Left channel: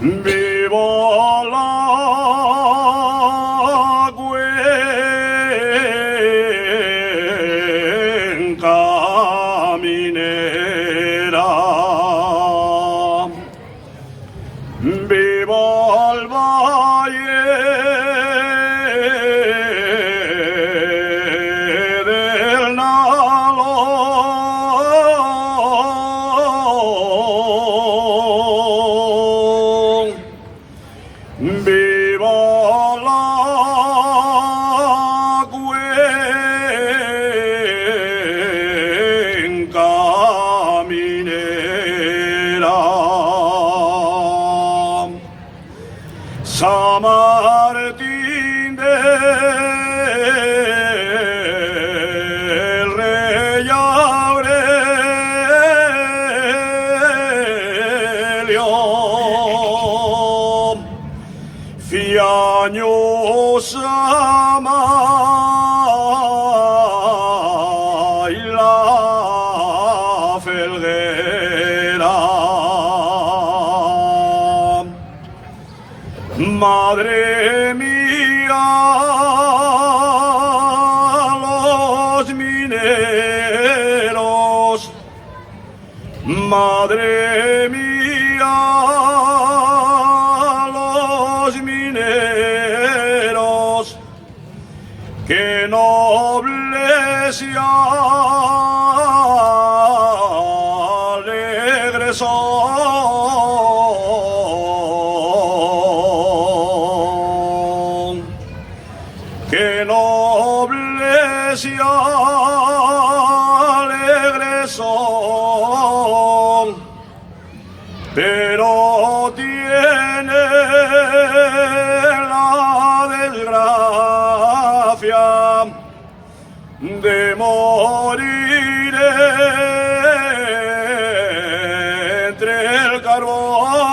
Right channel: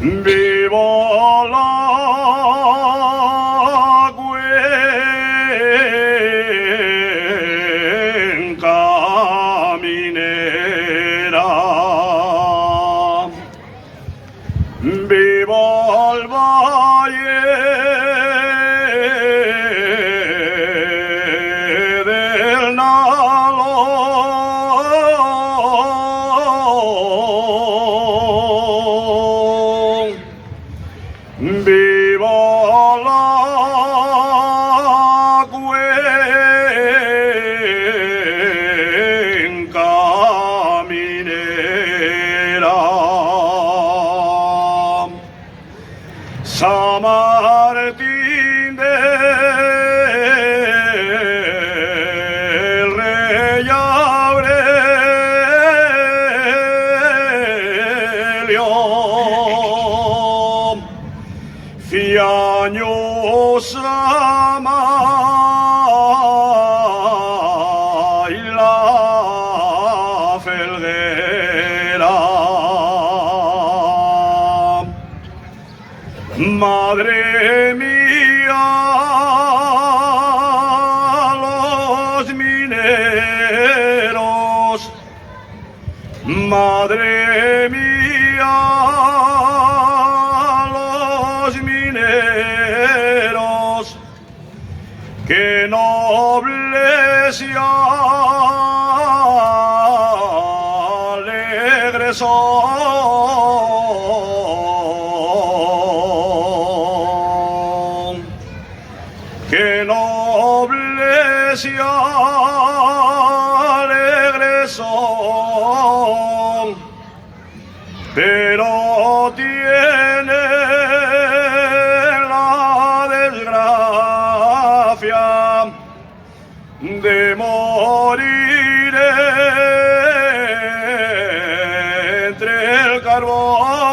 Vivo la cuenca minera, vivo el valle del Nalón. Viva la cuenca minera. San Martín del Rey Aurelio, años ama y la felguera. Madre mía, los mineros, madre mía, que nobles y alegres son, que nobles y alegres son, pero tiene la desgracia de morir entre el carbón.